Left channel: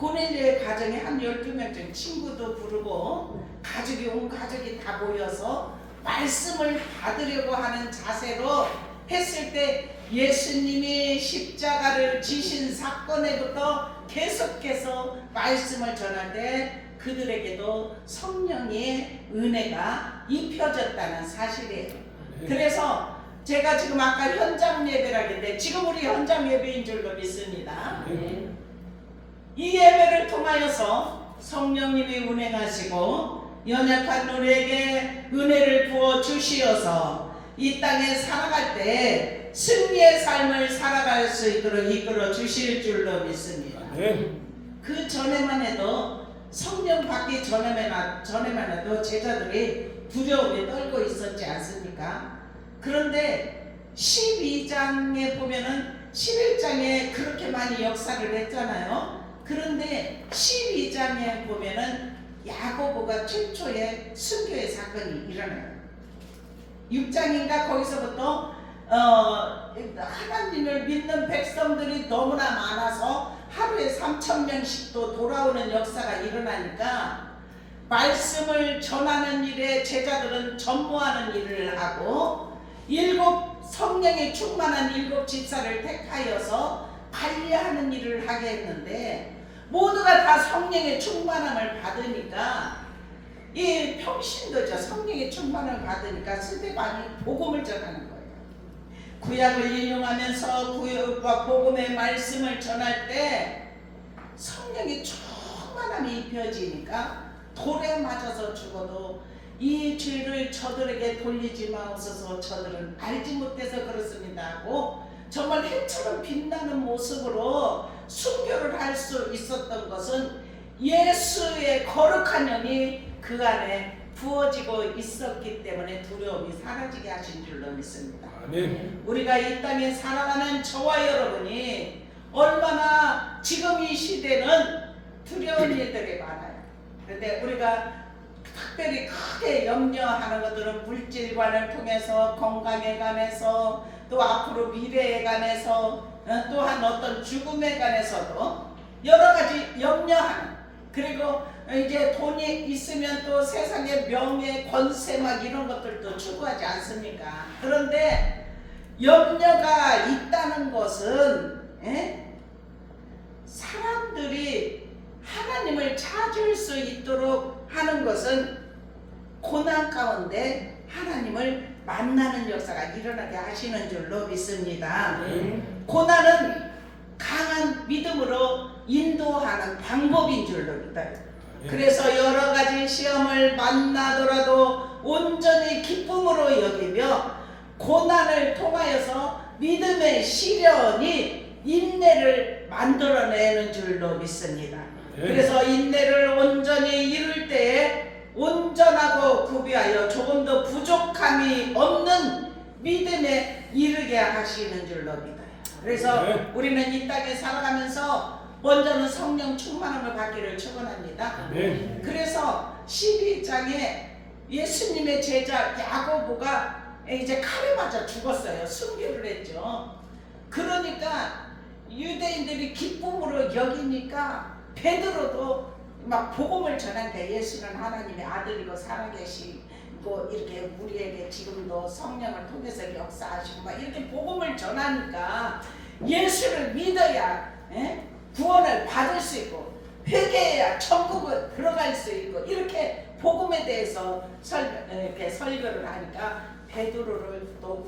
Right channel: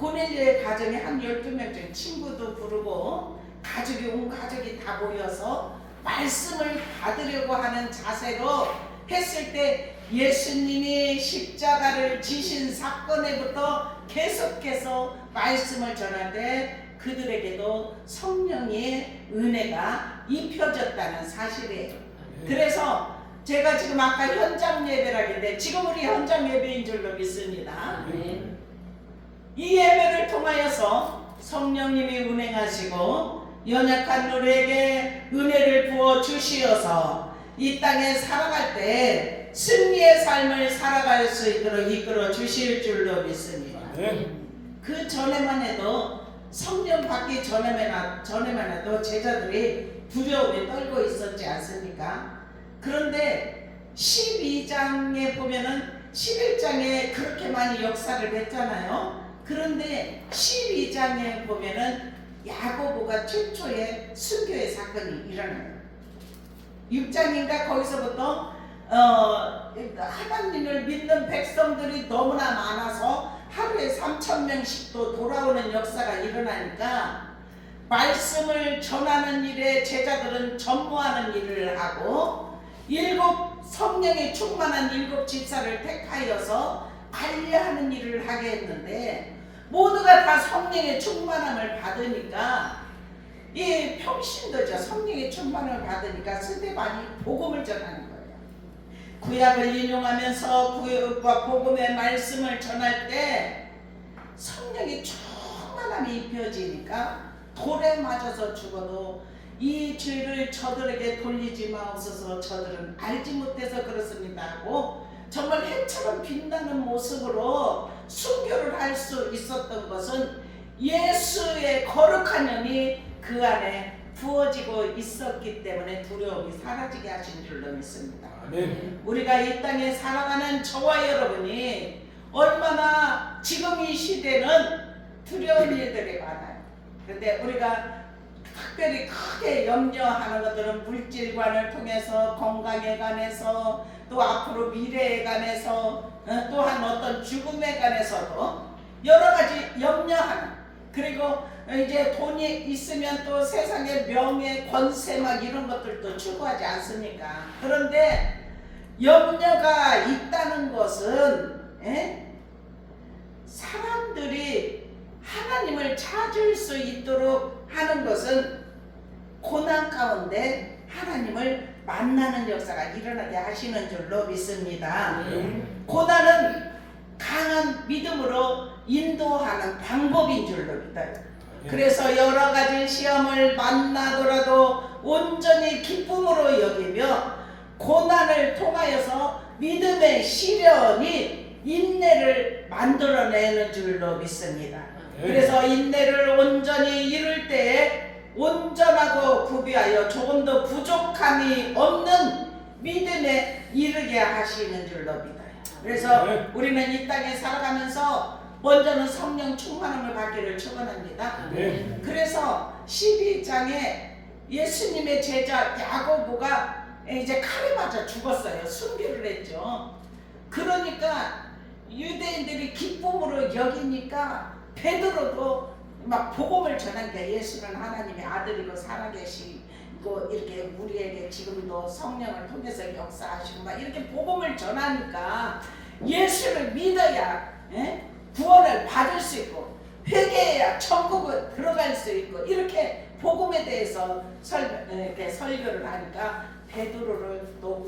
고넬료의 가정에 한 12명쯤 친구도 부르고 가족이 온 가족이 다 모여서 말씀을 받으려고 하는 자세로 했을 때 예수님이 십자가를 지신 사건에부터 계속해서 말씀을 전할 때 그들에게도 성령의 은혜가 입혀졌다는 사실이에요. 그래서 제가 지금 아까 현장 예배라는데 지금 우리 현장 예배인 줄로 믿습니다. 이 예배를 통하여서 성령님이 운행하시고 연약한 우리에게 은혜를 부어 주시어서 이 땅에 살아갈 때 승리의 삶을 살아갈 수 있도록 이끌어 주실 줄로 믿습니다. 그 전에만 해도 성령 받기 전에만 해도 제자들이 두려움에 떨고 있었지 않습니까? 그런데 12장에 보면은 11장에 그렇게 많이 역사를 했잖아요. 그런데 12장에 보면은 야고보가 최초의 순교의 사건이 일어나요. 6장인가 거기서부터 하나님을 믿는 백성들이 너무나 많아서 하루에 3,000명씩도 돌아오는 역사가 일어나니까 말씀을 전하는 일에 제자들은 전무하는 일을 하고 성령이 충만한 7 집사를 택하여서 관리하는 일을 하게 했는데 모두가 다 성령의 충만함을 받으니까 이 평신도죠. 성령의 충만함을 받으니까 스데반이 복음을 전하는 거예요. 구약을 인용하면서 복음의 말씀을 전할 때 성령의 충만함이 입혀지니까 돌에 맞아서 죽어도 이 죄를 저들에게 돌리지 마옵소서, 저들은 알지 못해서 그렇습니다 하고 정말 해처럼 빛나는 모습으로 순교를 할 수 있었던 것은 예수의 거룩한 영이 그 안에 부어지고 있었기 때문에 두려움이 사라지게 하신 줄로 믿습니다. 아멘. 우리가 이 땅에 살아가는 저와 여러분이 얼마나 지금 이 시대는 두려운 일들이 많아요. 그런데 우리가 특별히 크게 염려하는 것들은 물질관을 통해서 건강에 관해서 또 앞으로 미래에 관해서 또한 어떤 죽음에 관해서도 여러 가지 염려하는, 그리고 이제 돈이 있으면 또 세상의 명예, 권세 막 이런 것들도 추구하지 않습니까? 그런데 염려가 있다는 것은 사람들이 하나님을 찾을 수 있도록 하는 것은 고난 가운데 하나님을 만나는 역사가 일어나게 하시는 줄로 믿습니다. 고난은 강한 믿음으로 인도하는 방법인 줄로 믿어요. 그래서 여러 가지 시험을 만나더라도 온전히 기쁨으로 여기며 고난을 통하여서 믿음의 시련이 인내를 만들어내는 줄로 믿습니다. 그래서 인내를 온전히 이룰 때에 온전하고 구비하여 조금도 부족함이 없는 믿음에 이르게 하시는 줄로 믿어요. 그래서 우리는 이 땅에 살아가면서 먼저는 성령 충만함을 받기를 축원합니다. 그래서 12장에 예수님의 제자 야고보가 이제 칼에 맞아 죽었어요. 순교를 했죠. 그러니까 유대인들이 기쁨으로 여기니까 베드로도 막 복음을 전하니까 예수는 하나님의 아들이고 살아계시고 이렇게 우리에게 지금도 성령을 통해서 역사하시고 막 이렇게 복음을 전하니까 예수를 믿어야 구원을 받을 수 있고 회개해야 천국을 들어갈 수 있고 이렇게 복음에 대해서 이렇게 설교를 하니까 베드로를 또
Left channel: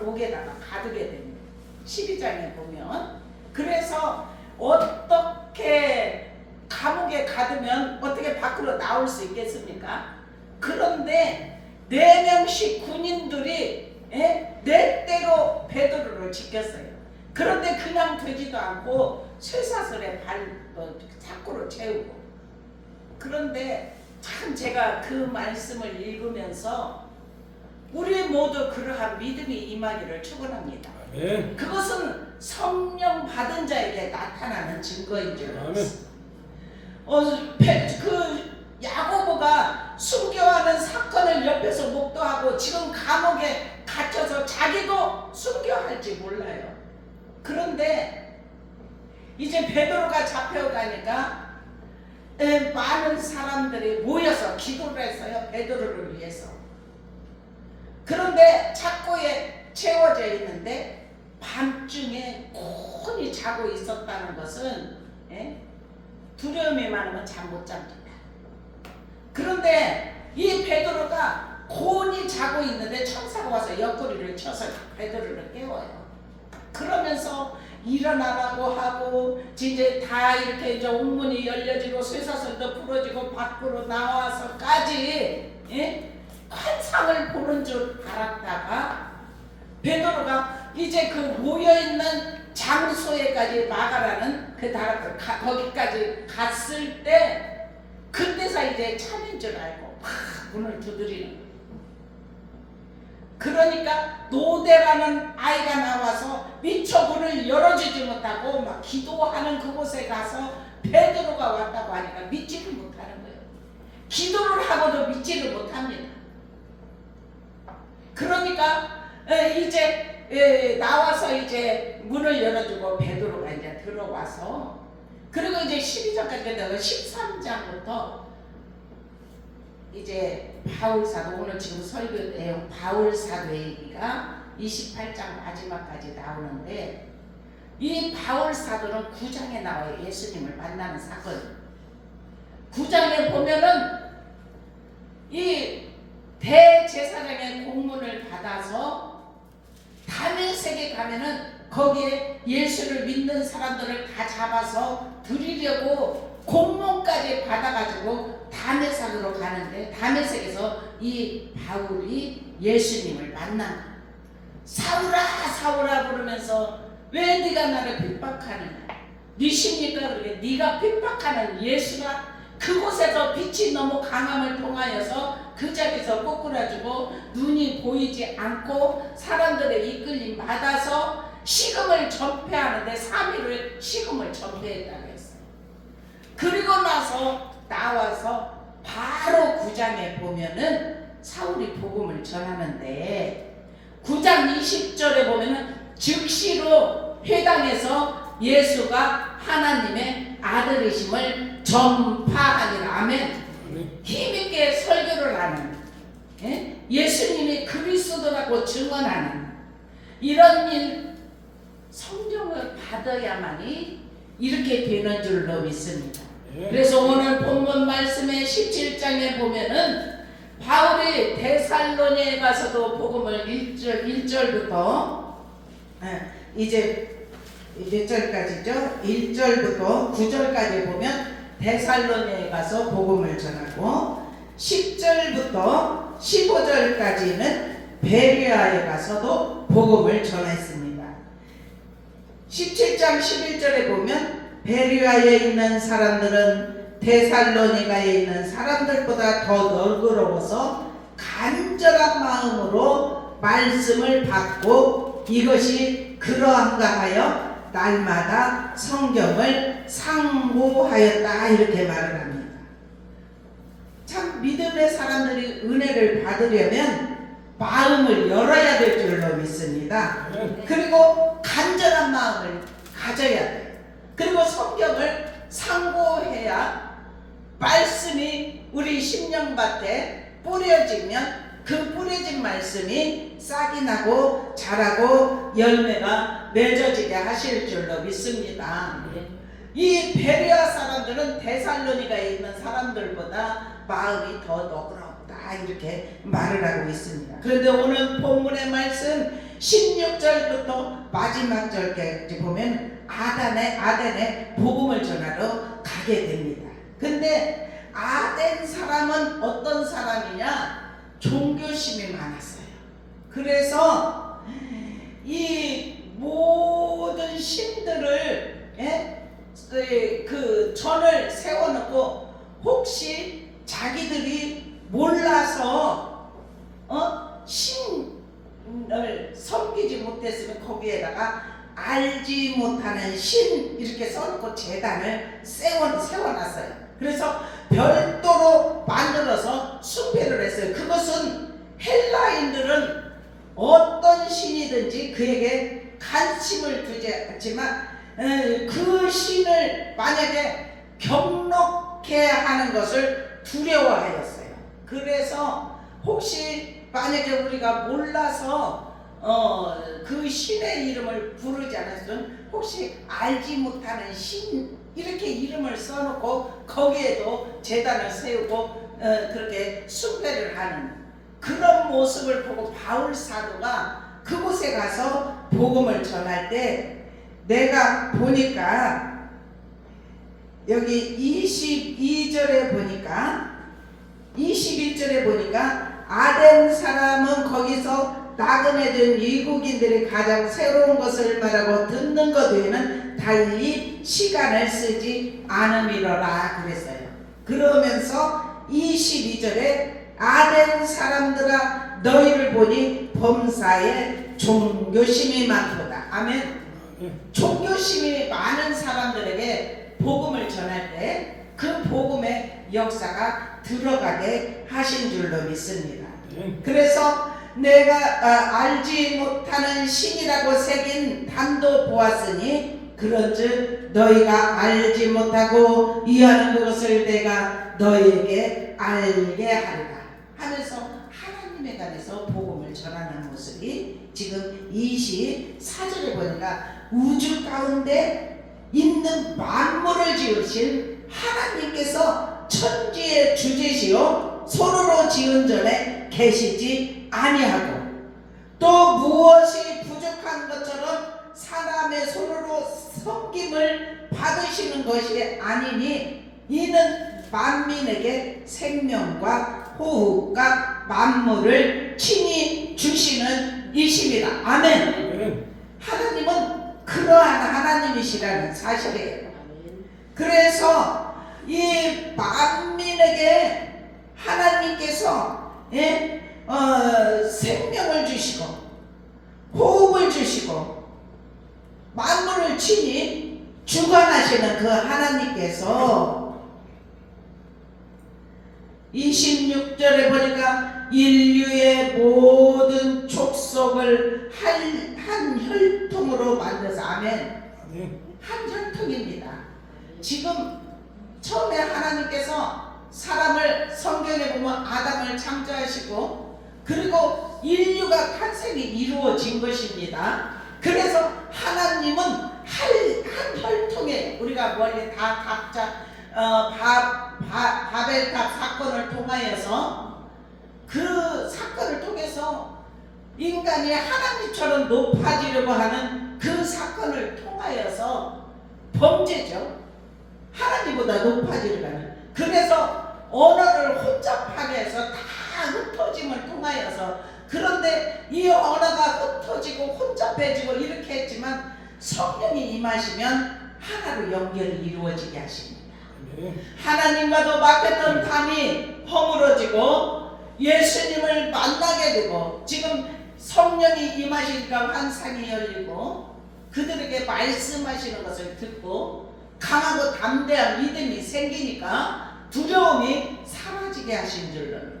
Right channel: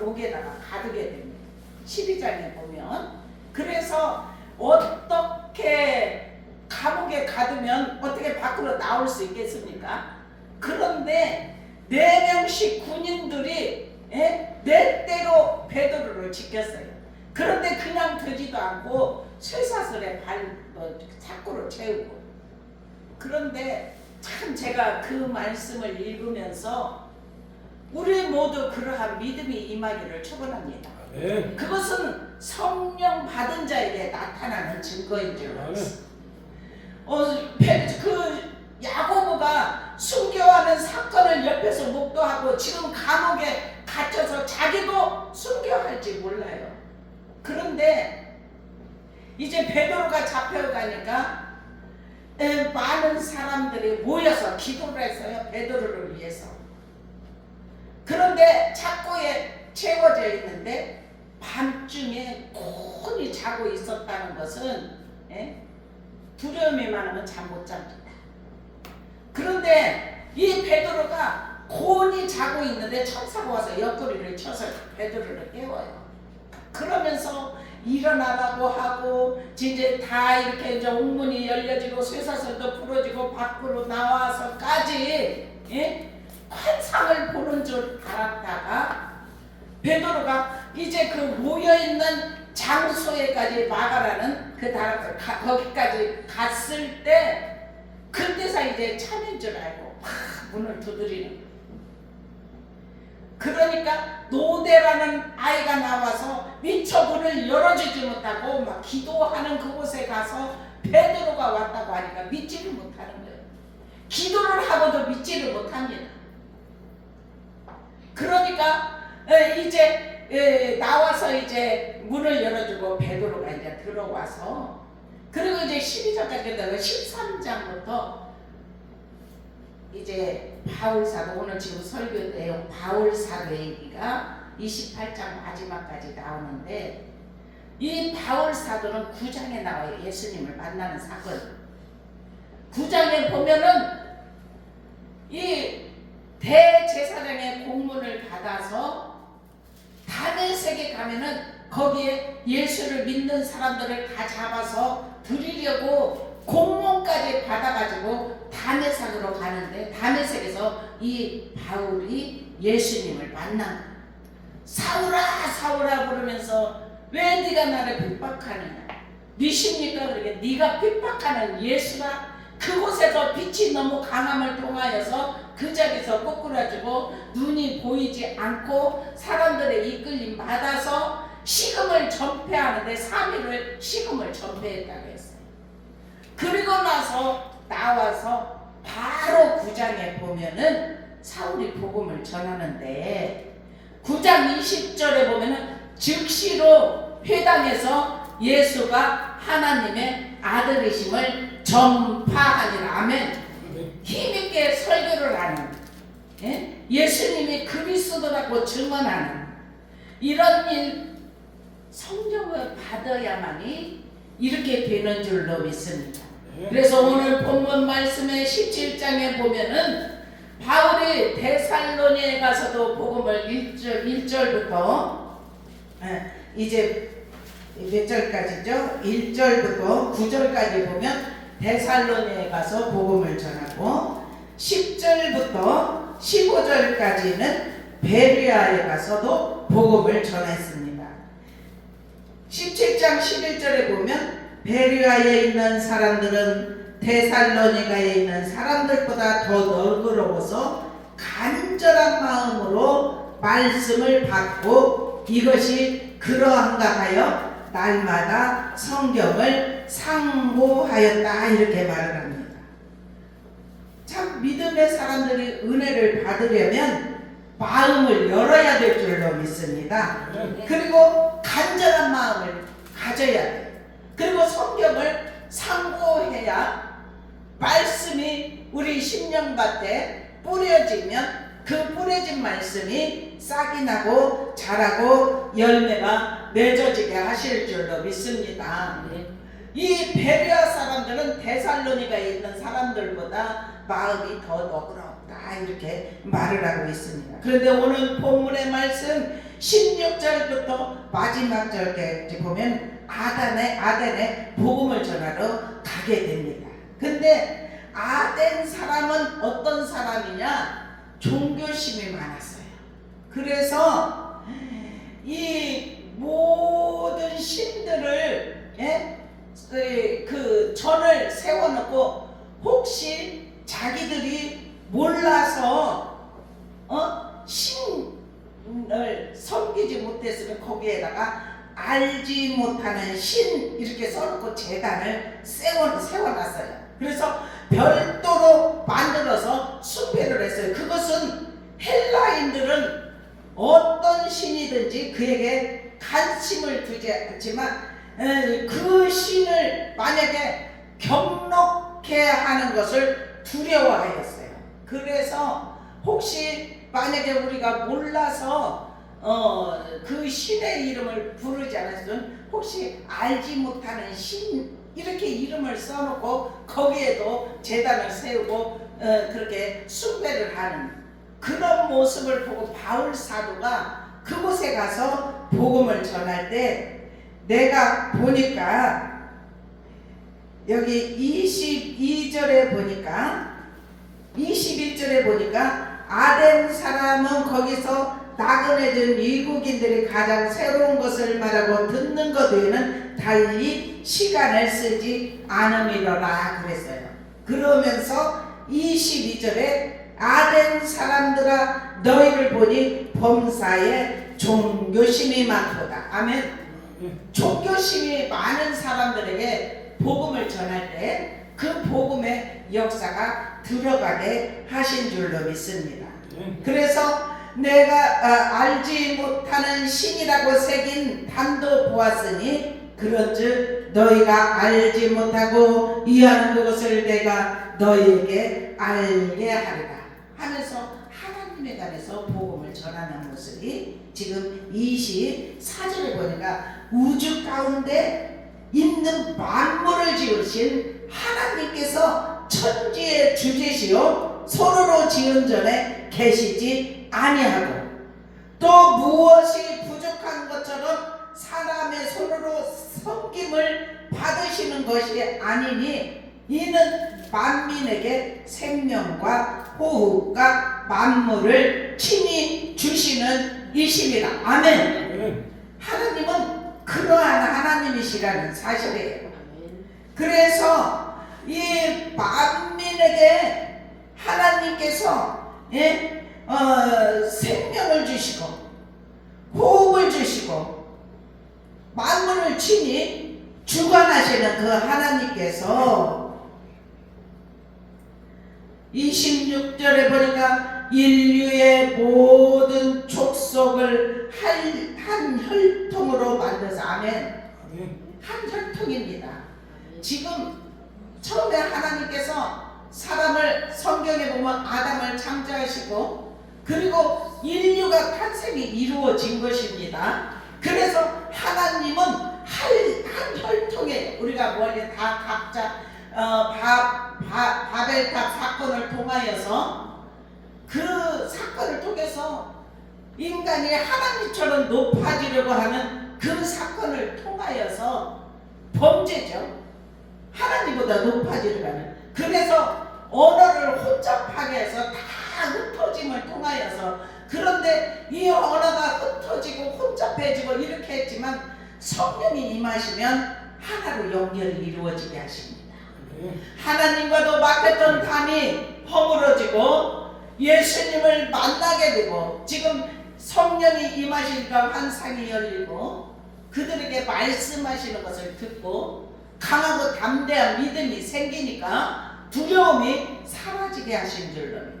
옥에다가 가두게 됩니다. 12장에 보면. 그래서 어떻게 감옥에 가두면 어떻게 밖으로 나올 수 있겠습니까? 그런데 4명씩 군인들이 넷대로 베드로를 지켰어요. 그런데 그냥 되지도 않고 쇠사슬에 자꾸로 채우고. 그런데 참 제가 그 말씀을 읽으면서 우리 모두 그러한 믿음이 임하기를 축원합니다. 그것은 성령 받은 자에게 나타나는 증거인 줄 알았습니다. 그 야고보가 순교하는 사건을 옆에서 목도하고 지금 감옥에 갇혀서 자기도 순교할지 몰라요. 그런데 이제 베드로가 잡혀가니까 많은 사람들이 모여서 기도를 했어요. 베드로를 위해서. 그런데 착고에 채워져 있는데 밤중에 곤히 자고 있었다는 것은 두려움이 많으면 잠 못 잡니다. 그런데 이 베드로가 곤히 자고 있는데 천사가 와서 옆구리를 쳐서 베드로를 깨워요. 그러면서 일어나라고 하고 이제 다 이렇게 이제 옥문이 열려지고 쇠사슬도 부러지고 밖으로 나와서까지 환상을 보는 줄 알았다가 베드로가 이제 그 모여있는 장소에까지 마가라는 그 거기까지 갔을 때 그때서 이제 참인 줄 알고 문을 두드리는 거예요. 그러니까 노대라는 아이가 나와서 미처 문을 열어주지 못하고 막 기도하는 그곳에 가서 베드로가 왔다고 하니까 믿지를 못하는 거예요. 기도를 하고도 믿지를 못합니다. 그러니까 이제 나와서 이제 문을 열어주고 베드로가 이제 들어와서 그리고 이제 12장까지 끝나고 13장부터 이제 바울사도 오늘 지금 설교 내용 바울사도 얘기가 28장 마지막까지 나오는데 이 바울사도는 9장에 나와요. 예수님을 만나는 사건. 9장에 보면은 이 대제사장의 공문을 받아서 다메섹에 가면은 거기에 예수를 믿는 사람들을 다 잡아서 드리려고 공문까지 받아가지고 다메섹으로 가는데 다메섹에서 이 바울이 예수님을 만난 거야. 사울아 사울아 부르면서 왜 네가 나를 핍박하느냐? 니십니까? 그러게 네가 핍박하는 예수가 그곳에서 빛이 너무 강함을 통하여서 그 자리에서 꼬꾸라지고 눈이 보이지 않고 사람들의 이끌림 받아서 식음을 전폐하는데 3일을 식음을 전폐했다고 했어요. 그리고 나서 나와서 바로 9장에 보면은 사울이 복음을 전하는데 9장 20절에 보면은 즉시로 회당에서 예수가 하나님의 아들이심을 전파하니라. 아멘. 힘있게 설교를 하는 예수님이 그리스도라고 증언하는 이런 일 성령을 받아야만이 이렇게 되는 줄로 믿습니다. 그래서 오늘 본문 말씀의 17장에 보면은 바울이 데살로니에 가서도 복음을 1절부터 이제 몇 절까지죠? 1절부터 9절까지 보면 데살로니에 가서 복음을 전하고 10절부터 15절까지는 베레아에 가서도 복음을 전했습니다. 17장 11절에 보면 베레아에 있는 사람들은 데살로니가에 있는 사람들보다 더 너그러워서 간절한 마음으로 말씀을 받고 이것이 그러한가 하여 날마다 성경을 상고하였다 이렇게 말을 합니다. 참 믿음의 사람들이 은혜를 받으려면 마음을 열어야 될 줄로 믿습니다. 그리고 간절한 마음을 가져야 돼요. 그리고 성경을 상고해야 말씀이 우리 심령밭에 뿌려지면 그 뿌려진 말씀이 싹이 나고 자라고 열매가 맺어지게 하실 줄로 믿습니다. 이 베레아 사람들은 데살로니가에 있는 사람들보다 마음이 더 너그럽다 이렇게 말을 하고 있습니다. 그런데 오늘 본문의 말씀 16절부터 마지막 절까지 보면 아덴에 복음을 전하러 가게 됩니다. 근데 아덴 사람은 어떤 사람이냐? 종교심이 많았어요. 그래서 이 모든 신들을 그 전을 세워놓고 혹시 자기들이 몰라서 신을 섬기지 못했으면 거기에다가 알지 못하는 신 이렇게 써놓고 제단을 세워놨어요. 그래서 별도로 만들어서 숭배를 했어요. 그것은 헬라인들은 어떤 신이든지 그에게 관심을 두지 않지만 그 신을 만약에 경록해 하는 것을 두려워하였어요. 그래서 혹시 만약에 우리가 몰라서 그 신의 이름을 부르지 않았으면 혹시 알지 못하는 신 이렇게 이름을 써놓고 거기에도 제단을 세우고 그렇게 숭배를 하는 그런 모습을 보고 바울 사도가 그곳에 가서 복음을 전할 때 내가 보니까 여기 22절에 보니까 21절에 보니까 아덴 사람은 거기서 나그네된 미국인들이 가장 새로운 것을 말하고 듣는 것 외에는 달리 시간을 쓰지 않음이로라 그랬어요. 그러면서 22절에 아덴 사람들아 너희를 보니 범사에 종교심이 많도다. 아멘. 종교심이 많은 사람들에게 복음을 전할 때 그 복음의 역사가 들어가게 하신 줄로 믿습니다. 그래서 내가 알지 못하는 신이라고 새긴 단도 보았으니 그런즉 너희가 알지 못하고 이해하는 그것을 내가 너희에게 알게 하리라 하면서 하나님에 관해서 복음을 전하는 모습이 지금 24절에 보니까 우주 가운데 있는 만물을 지으신 하나님께서 천지의 주지시요 서로로 지은 전에 계시지 아니하고 또 무엇이 부족한 것처럼 사람의 손으로 섬김을 받으시는 것이 아니니 이는 만민에게 생명과 호흡과 만물을 친히 주시는 이심이라. 아멘. 하나님은 그러한 하나님이시라는 사실이에요. 그래서 이 만민에게 하나님께서 생명을 주시고 호흡을 주시고 만물을 친히 주관하시는 그 하나님께서 26절에 보니까 인류의 모든 족속을 한 혈통으로 만들어서 아멘. 한 혈통입니다. 지금 처음에 하나님께서 사람을 성경에 보면 아담을 창조하시고 그리고 인류가 탄생이 이루어진 것입니다. 그래서 하나님은 한 혈통에 우리가 원래 다 각자 바벨탑 사건을 통하여서 그 사건을 통해서 인간이 하나님처럼 높아지려고 하는 그 사건을 통하여서 범죄죠. 하나님보다 높아지려고 하는. 그래서 언어를 혼잡하게 해서 다 흩어짐을 통하여서 그런데 이 언어가 흩어지고 혼잡해지고 이렇게 했지만 성령이 임하시면 하나로 연결이 이루어지게 하십니다. 하나님과도 막혔던 담이 허물어지고 예수님을 만나게 되고 지금 성령이 임하시니까 환상이 열리고 그들에게 말씀하시는 것을 듣고 강하고 담대한 믿음이 생기니까 두려움이 사라지게 하신 줄로 믿어요.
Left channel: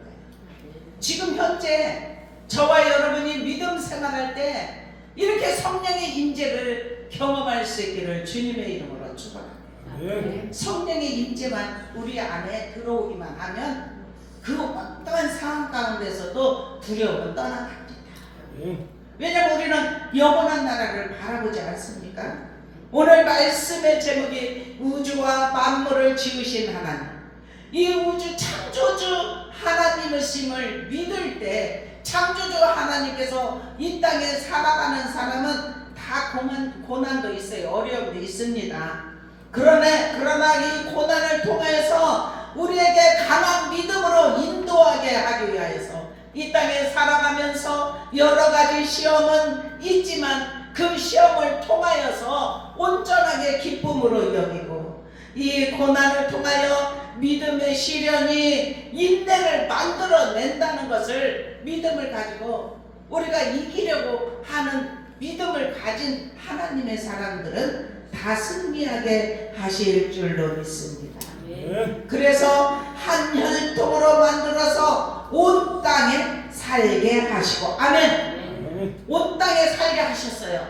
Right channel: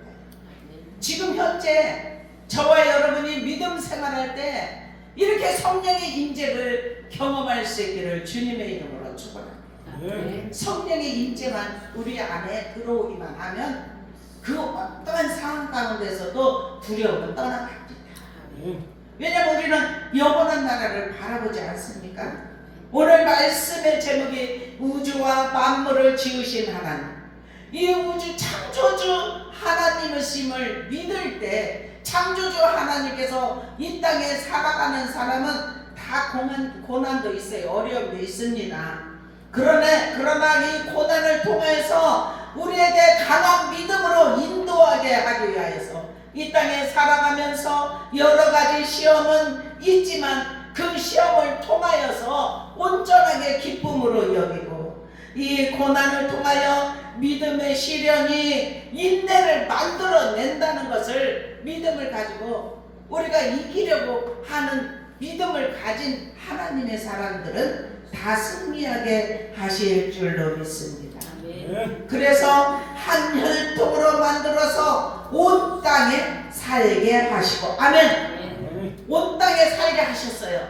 지금 현재 저와 여러분이 믿음 생활할 때 이렇게 성령의 임재를 경험할 수 있기를 주님의 이름으로 축원합니다. 성령의 임재만 우리 안에 들어오기만 하면 그 어떠한 상황 가운데서도 두려움은 떠나갑니다. 왜냐하면 우리는 영원한 나라를 바라보지 않습니까? 오늘 말씀의 제목이 우주와 만물을 지으신 하나님, 이 우주 창조주 하나님이심을 믿을 때 창조주 하나님께서 이 땅에 살아가는 사람은 다 고난도 있어요. 어려움도 있습니다. 그러나 이 고난을 통해서 우리에게 강한 믿음으로 인도하게 하기 위하여서 이 땅에 살아가면서 여러 가지 시험은 있지만 그 시험을 통하여서 온전하게 기쁨으로 여기고 이 고난을 통하여 믿음의 시련이 인내를 만들어낸다는 것을 믿음을 가지고 우리가 이기려고 하는 믿음을 가진 하나님의 사람들은 다 승리하게 하실 줄로 믿습니다. 그래서 한 혈통으로 만들어서 온 땅에 살게 하시고 아멘. 온 땅에 살게 하셨어요.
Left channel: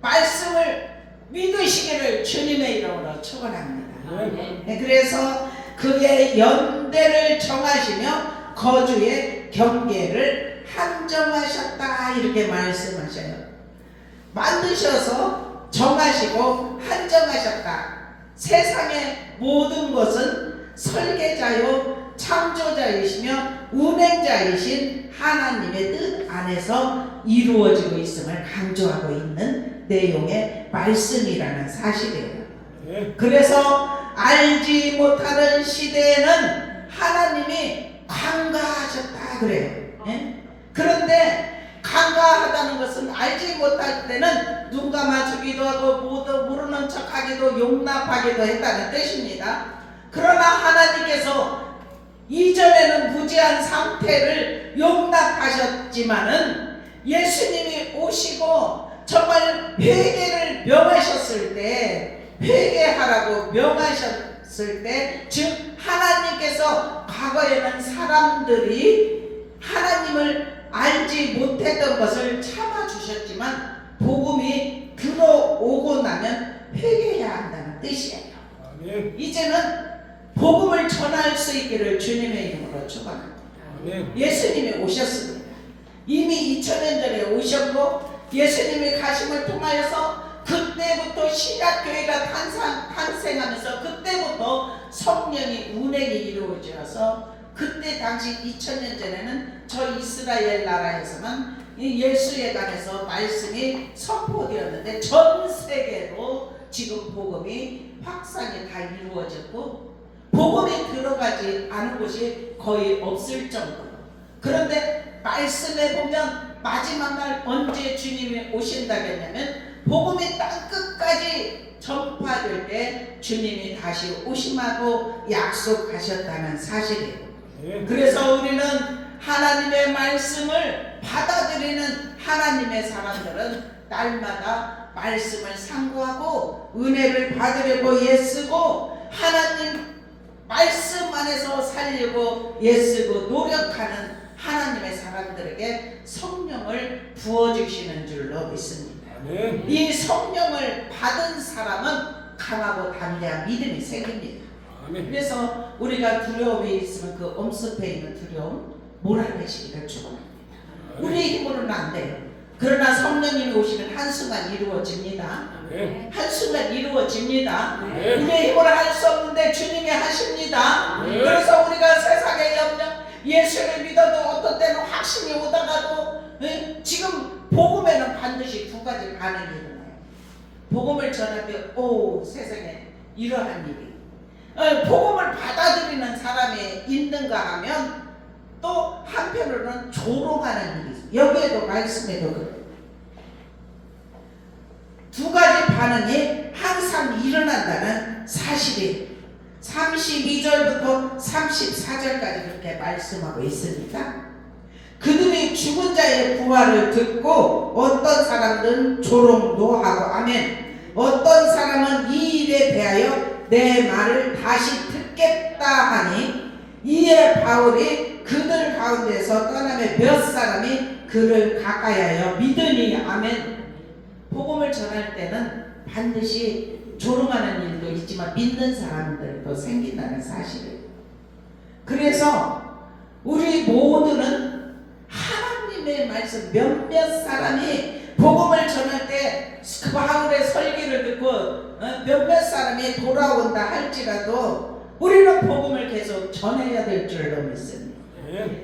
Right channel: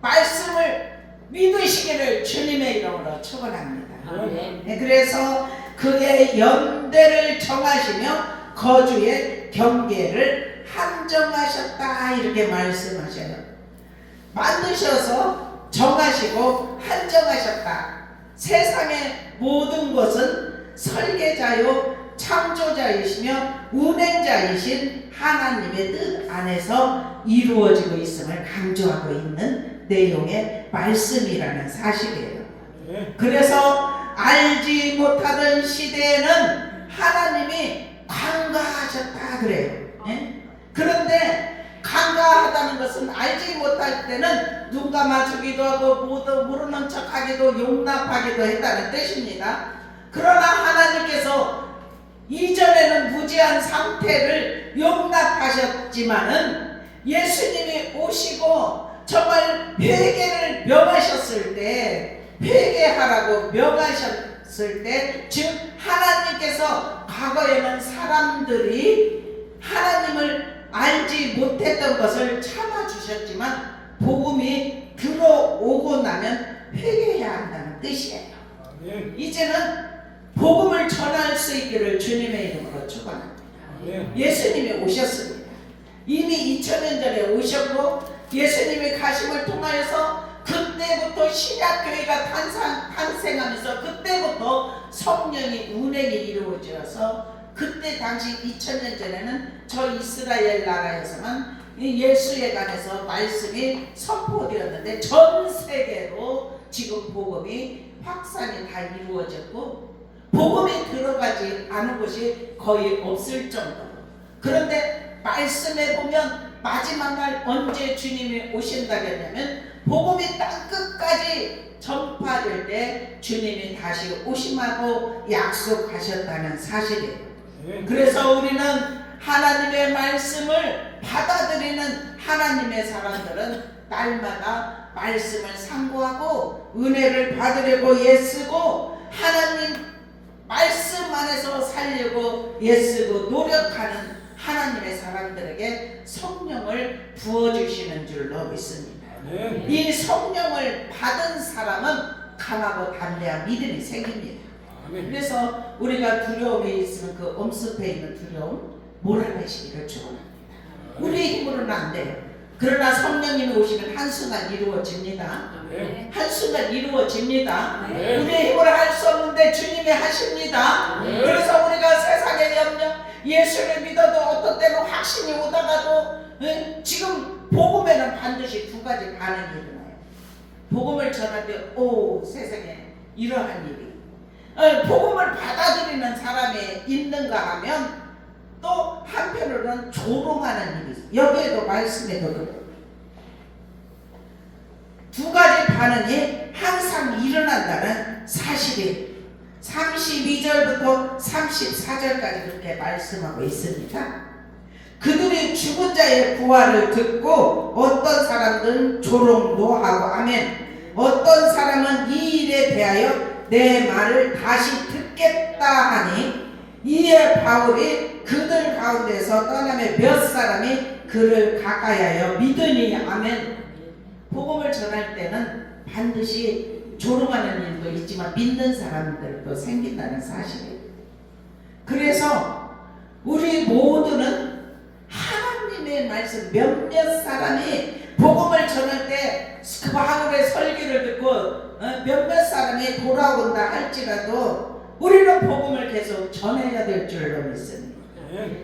말씀을 믿으시기를 주님의 이름으로 축원합니다. 아멘. 그래서 그의 연대를 정하시며 거주의 경계를 한정하셨다 이렇게 말씀하셔요. 만드셔서 정하시고 한정하셨다. 세상의 모든 것은 설계자요 창조자이시며 운행자이신 하나님의 뜻 안에서 이루어지고 있음을 강조하고 있는 내용의 말씀이라는 사실이에요. 그래서 알지 못하던 시대에는 하나님이 간과하셨다 그래요. 그런데 간과하다는 것은 알지 못할 때는 눈 감아주기도 하고 모르는 척하기도 용납하기도 했다는 뜻입니다. 그러나 하나님께서 이전에는 무지한 상태를 용납하셨지만은 예수님이 오시고 정말 회개를 명하셨을 때, 회개하라고 명하셨을 때, 즉 하나님께서 과거에는 사람들이 하나님을 알지 못했던 것을 참아주셨지만 복음이 들어오고 나면 회개해야 한다는 뜻이에요. 이제는 복음을 전할 수 있기를 주님의 이름으로 축원합니다. 예수님이 오셨습니다. 이미 2000년 전에 오셨고 예수님이 가심을 통하여서 그때부터 신약교회가 탄생하면서 그때부터 성령이 운행이 이루어져서 그때 당시 2000년 전에는 저 이스라엘 나라에서는 이 예수에 관해서 말씀이 선포되었는데 전 세계로 지금 복음이 확산이 다 이루어졌고 복음이 들어가지 않은 곳이 거의 없을 정도로. 그런데 말씀에 보면 마지막 날 언제 주님이 오신다겠냐면 복음이 땅 끝까지 전파될 때 주님이 다시 오심하고 약속하셨다는 사실이에요. 그래서 우리는 하나님의 말씀을 받아들이는 하나님의 사람들은 날마다 말씀을 상고하고 은혜를 받으려고 애쓰고 하나님 말씀 안에서 살려고 애쓰고 노력하는 하나님의 사람들에게 성령을 부어주시는 줄로 믿습니다. 이 성령을 받은 사람은 강하고 담대한 믿음이 생깁니다. 그래서 우리가 두려움이 있으면 그 엄습해 있는 두려움 몰아내시기를 축원합니다. 우리 힘으로는 안 돼요. 그러나 성령님이 오시면 한순간 이루어집니다. 한순간 이루어집니다. 우리의 힘으로 할 수 없는데 주님이 하십니다. 그래서 우리가 세상의 염려 예수를 믿어도 어떤 때는 확신이 오다가도 지금 복음에는 반드시 두 가지 반응이 일어나요. 복음을 전할 때 오 세상에 이러한 일이 복음을 받아들이는 사람이 있는가 하면 또 한편으로는 조롱하는 일이 있어요. 여기에도 말씀에도 그래요. 두 가지 반응이 항상 일어난다는 사실이 32절부터 34절까지 그렇게 말씀하고 있습니다. 그들이 죽은 자의 부활을 듣고 어떤 사람들은 조롱도 하고 아멘. 어떤 사람은 이 일에 대하여 내 말을 다시 듣겠다 하니 이에 바울이 그들 가운데서 떠나며 몇 사람이 그를 가까이하여 믿으니 아멘. 복음을 전할 때는 반드시 조롱하는 일도 있지만 믿는 사람들도 생긴다는 사실이에요. 그래서 우리 모두는 하나님의 말씀 몇몇 사람이 복음을 전할 때 그 바울의 설교를 듣고 몇몇 사람이 돌아온다 할지라도 우리는 복음을 계속 전해야 될 줄로 믿습니다.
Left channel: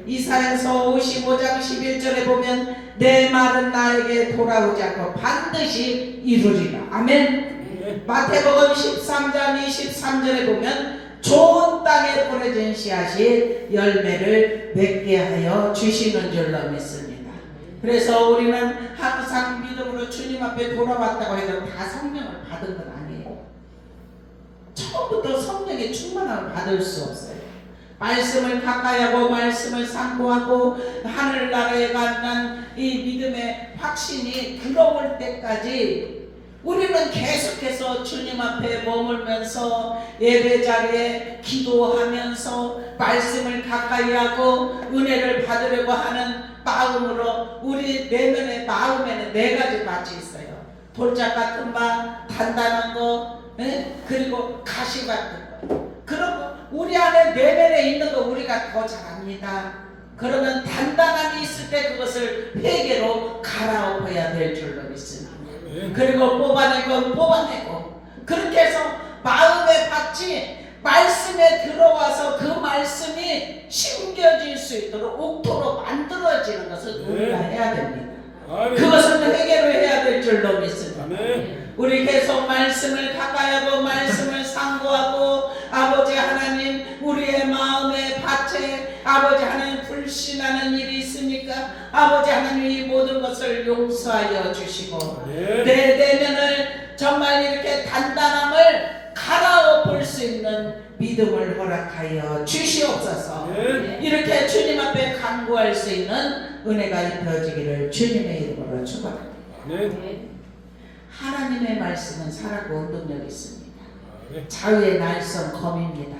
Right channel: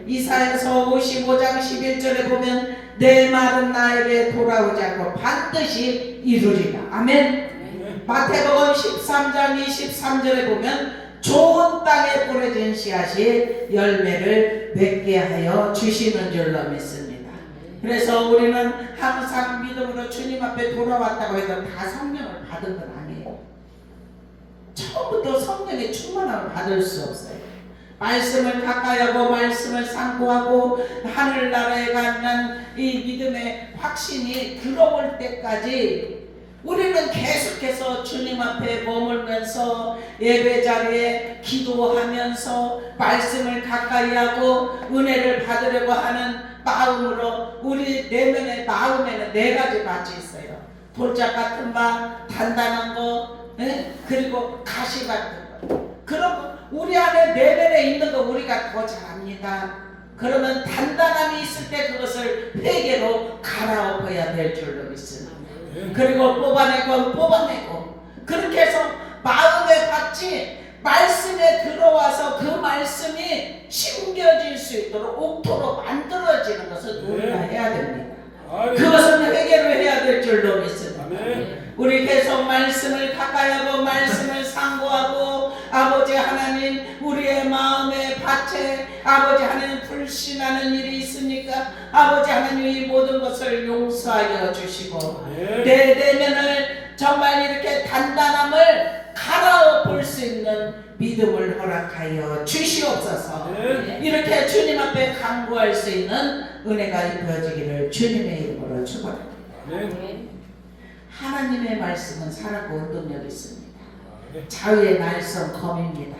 이사야서 55장 11절에 보면 내 말은 나에게 돌아오지 않고 반드시 이루리라. 아멘. 마태복음 13장 23절에 보면 좋은 땅에 뿌려진 씨앗이 열매를 맺게 하여 주시는 줄로 믿습니다. 그래서 우리는 항상 믿음으로 주님 앞에 돌아왔다고 해도 다 성령을 받은 건 아니에요. 처음부터 성령의 충만함을 받을 수 없어요. 말씀을 가까이하고 말씀을 상고하고 하늘나라에 가는 이 믿음의 확신이 들어올 때까지 우리는 계속해서 주님 앞에 머물면서 예배 자리에 기도하면서 말씀을 가까이하고 은혜를 받으려고 하는 마음으로 우리 내면의 마음에는 네 가지 밭이 있어요. 돌짝 같은 바, 단단한 거, 그리고 가시 같은 거. 그런 거 우리 안에 내면에 있는 거 우리가 더 잘 압니다. 그러면 단단함이 있을 때 그것을 회개로 갈아엎어야 될 줄로 믿습니다. 그리고 뽑아내고 그렇게 해서 마음에 받지 말씀에 들어와서 그 말씀이 심겨질 수 있도록 옥토로 만들어지는 것을 우리가 해야 됩니다. 그것은 회개로 해야 될 줄로 믿습니다. 우리 계속 말씀을 가까이하고 말씀을 상고하고 아버지 하나님 우리의 마음의 밭에 아버지 하나님 불신하는 일이 있습니까? 아버지 하나님 이 모든 것을 용서하여 주시고 내 내면을 정말 이렇게 단단함을 갈아엎을 수 있는 믿음을 허락하여 주시옵소서. 이렇게 주님 앞에 간구할 수 있는 은혜가 입혀지기를 주님의 이름으로 축원합니다. 하나님의 말씀은 살아고 운동력이 있습니다. 자유의 날선 검입니다.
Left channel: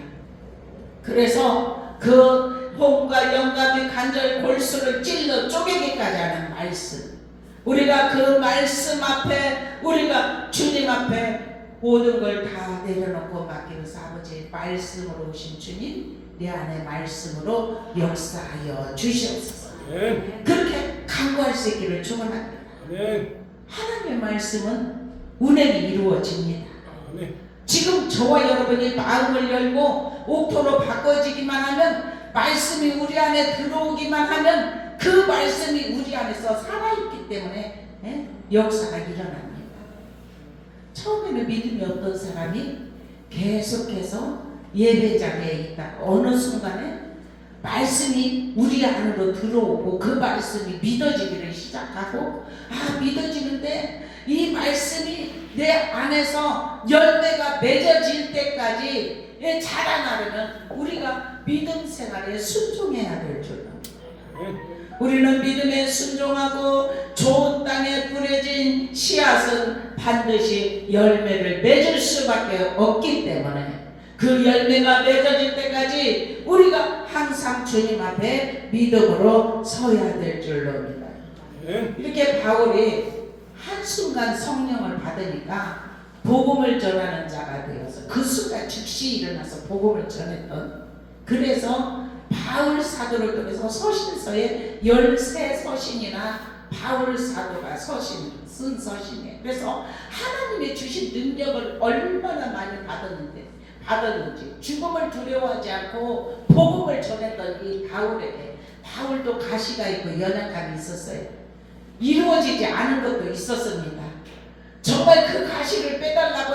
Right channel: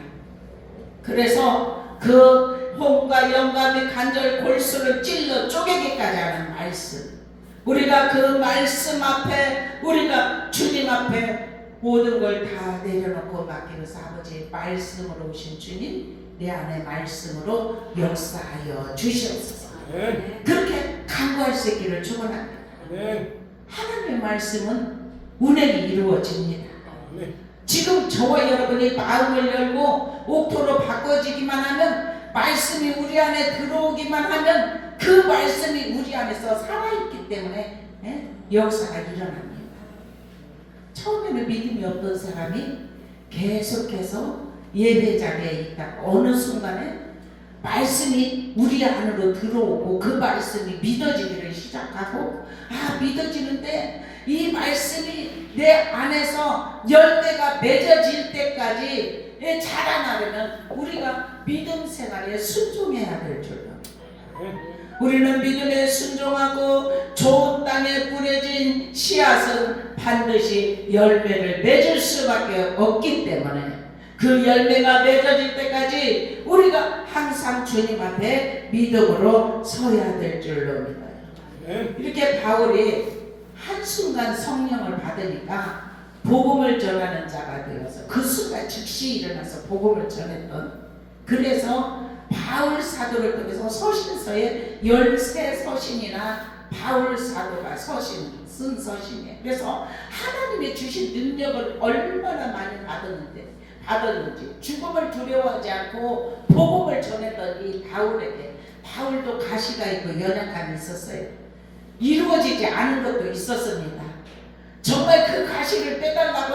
그래서 그 호흡과 영감이 간절 골수를 찔러 쪼개기까지 하는 말씀, 우리가 그 말씀 앞에 우리가 주님 앞에 모든 걸 다 내려놓고 맡기면서 아버지의 말씀으로 오신 주님 내 안에 말씀으로 역사하여 주시옵소서. 그렇게 간구할 수 있기를 축원합니다. 하나님의 말씀은 운행이 이루어집니다. 지금 저와 여러분이 마음을 열고 옥토로 바꿔지기만 하면 말씀이 우리 안에 들어오기만 하면 그 말씀이 우리 안에서 살아있기 때문에 역사가 일어납니다. 처음에는 믿음이 없던 사람이 계속해서 예배자리에 있다가 어느 순간에 말씀이 우리 안으로 들어오고 그 말씀이 믿어지기를 시작하고 믿어지는데 이 말씀이 내 안에서 열매가 맺어질 때까지 자라나려면 우리가 믿음 생활에 순종해야 될 줄로 우리는 믿음에 순종하고 좋은 땅에 뿌려진 씨앗은 반드시 열매를 맺을 수밖에 없기 때문에 그 열매가 맺어질 때까지 우리가 항상 주님 앞에 믿음으로 서야 될 줄로 믿어요. 이렇게 바울이 한순간 성령을 받으니까 복음을 전하는 자가 되어서 그 순간 즉시 일어나서 복음을 전했던, 그래서 바울 사도를 통해서 서신서에 13서신이나 바울 사도가 쓴 서신이에요. 그래서 하나님이 주신 능력을 얼마나 많이 받았는지 죽음을 두려워하지 않고 복음을 전했던 이 바울에게, 바울도 가시가 있고 연약함이 있었어요. 이루어지지 않은 것도 있었습니다. 정말 그 가시를 빼달라고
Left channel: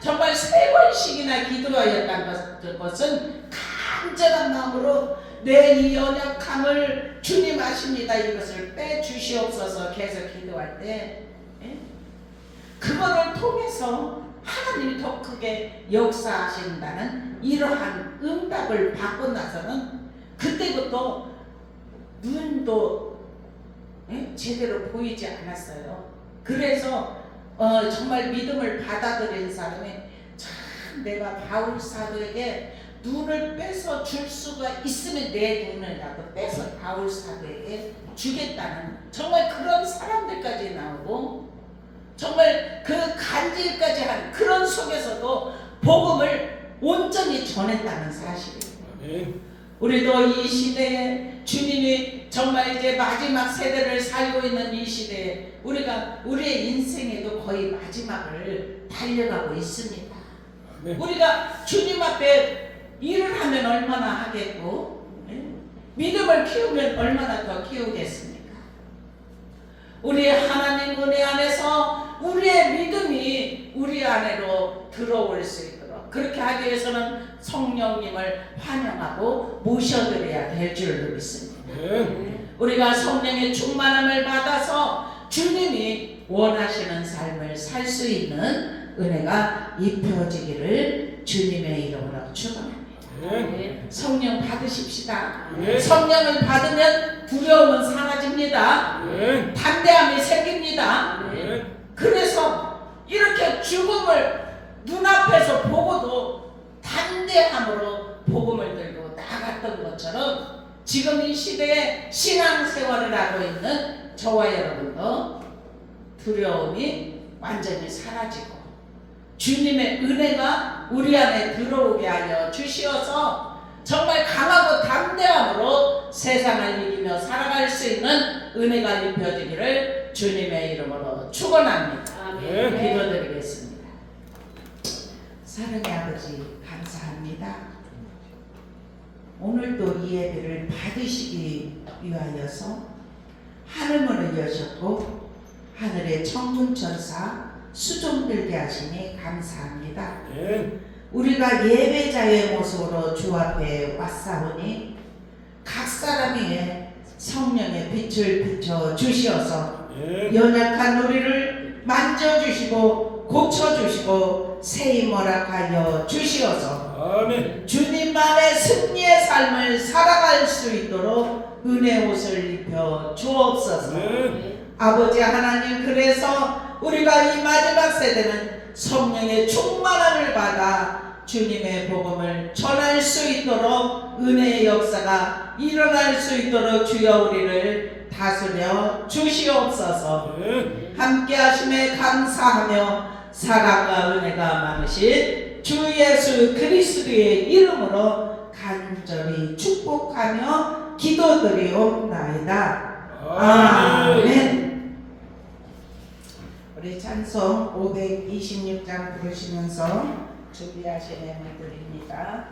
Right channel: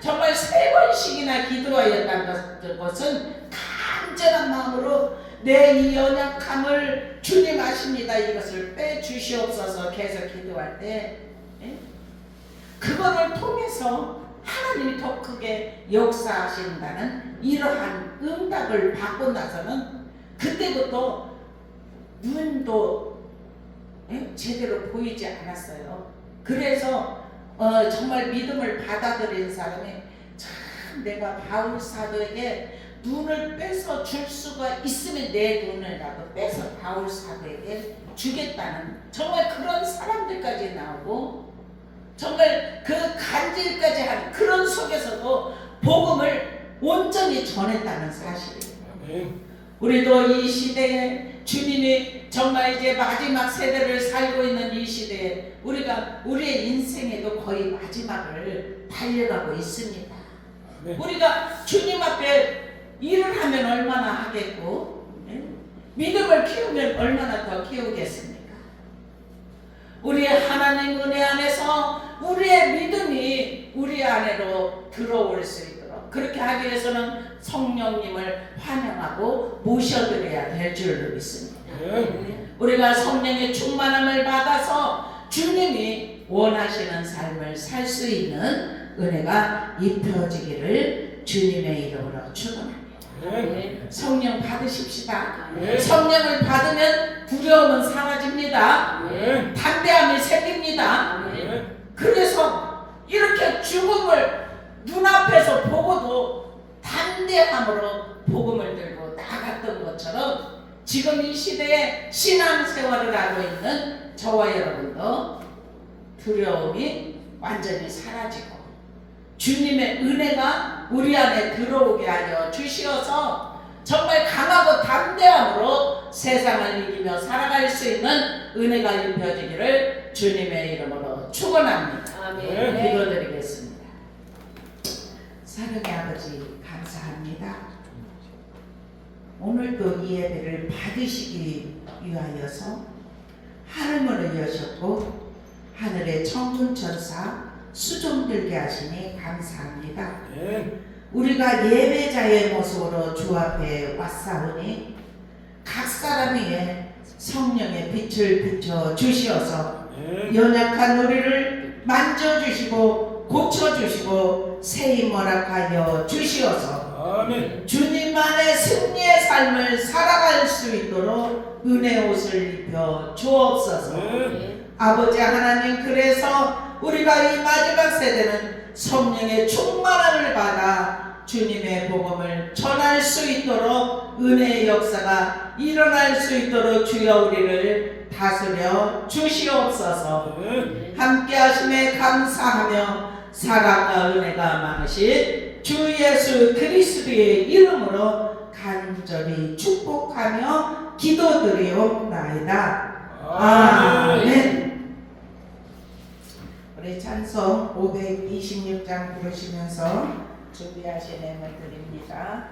정말 3번씩이나 기도하였다는 것은 간절한 마음으로 내 이 연약함을 주님 아십니다. 이것을 빼주시옵소서 계속 기도할 때 그거를 통해서 하나님이 더 크게 역사하신다는 이러한 응답을 받고 나서는 그때부터 눈도 제대로 보이지 않았어요. 그래서 정말 믿음을 받아들인 사람이 참 내가 바울 사도에게 눈을 빼서 줄 수가 있으면 내 눈을라도 빼서 바울 사도에게 주겠다는 정말 그런 사람들까지 나오고 정말 그 간질까지 한 그런 속에서도 복음을 온전히 전했다는 사실입니다. 우리도 이 시대에 주님이 정말 이제 마지막 세대를 살고 있는 이 시대에 우리가 우리의 인생에도 거의 마지막을 달려가고 있습니다. 우리가 주님 앞에 일을 하면 얼마나 하겠고 믿음을 키우면 얼마나 더 키우겠습니까? 우리의 하나님 은혜 안에서 우리의 믿음이 우리 안으로 들어올 수 있도록 그렇게 하기 위해서는 성령님을 환영하고 모셔드려야 될 줄로 믿습니다. 우리가 성령의 충만함을 받아서 주님이 원하시는 삶을 살 수 있는 은혜가 입혀지기를 주님의 이름으로 축원합니다. 성령 받으십시다. 성령을 받으면 두려움은 사라집니다. 담대함이 생깁니다. 그래서 이렇게 죽음을 눈앞에서 보고도 담대함으로 복음을 들고 나갔던 것처럼 지금 이 시대에 신앙생활을 하고 있는 저와 여러분도 두려움이 완전히 사라지고 주님의 은혜가 우리 안에 들어오게 하여 주시어서 정말 강하고 담대함으로 세상을 이기며 살아갈 수 있는 은혜가 입혀지기를 주님의 이름으로 축원합니다. 아멘. 기도드리겠습니다. 사랑의 아버지 감사합니다. 오늘도 이 예배를 받으시기 위하여서 하늘문을 여셨고 하늘의 천군천사 수종들게 하시니 감사합니다. 우리가 예배자의 모습으로 주 앞에 왔사오니 각 사람 위에 성령의 빛을 비춰 주시어서 연약한 우리를 만져주시고 고쳐주시고 새히 허락하여 주시어서 아멘. 주님만의 승리의 삶을 살아갈 수 있도록 은혜 옷을 입혀 주옵소서. 아버지 하나님, 그래서 우리가 이 마지막 세대는 성령의 충만함을 받아 주님의 복음을 전할 수 있도록 은혜의 역사가 일어날 수 있도록 주여 우리를 다스려 주시옵소서. 함께 하심에 감사하며 사랑과 은혜가 많으신 주 예수 그리스도의 이름으로 간절히 축복하며 기도드리옵나이다. 아멘. 우리 찬송 526장 부르시면서 준비하신 예물 드립니다.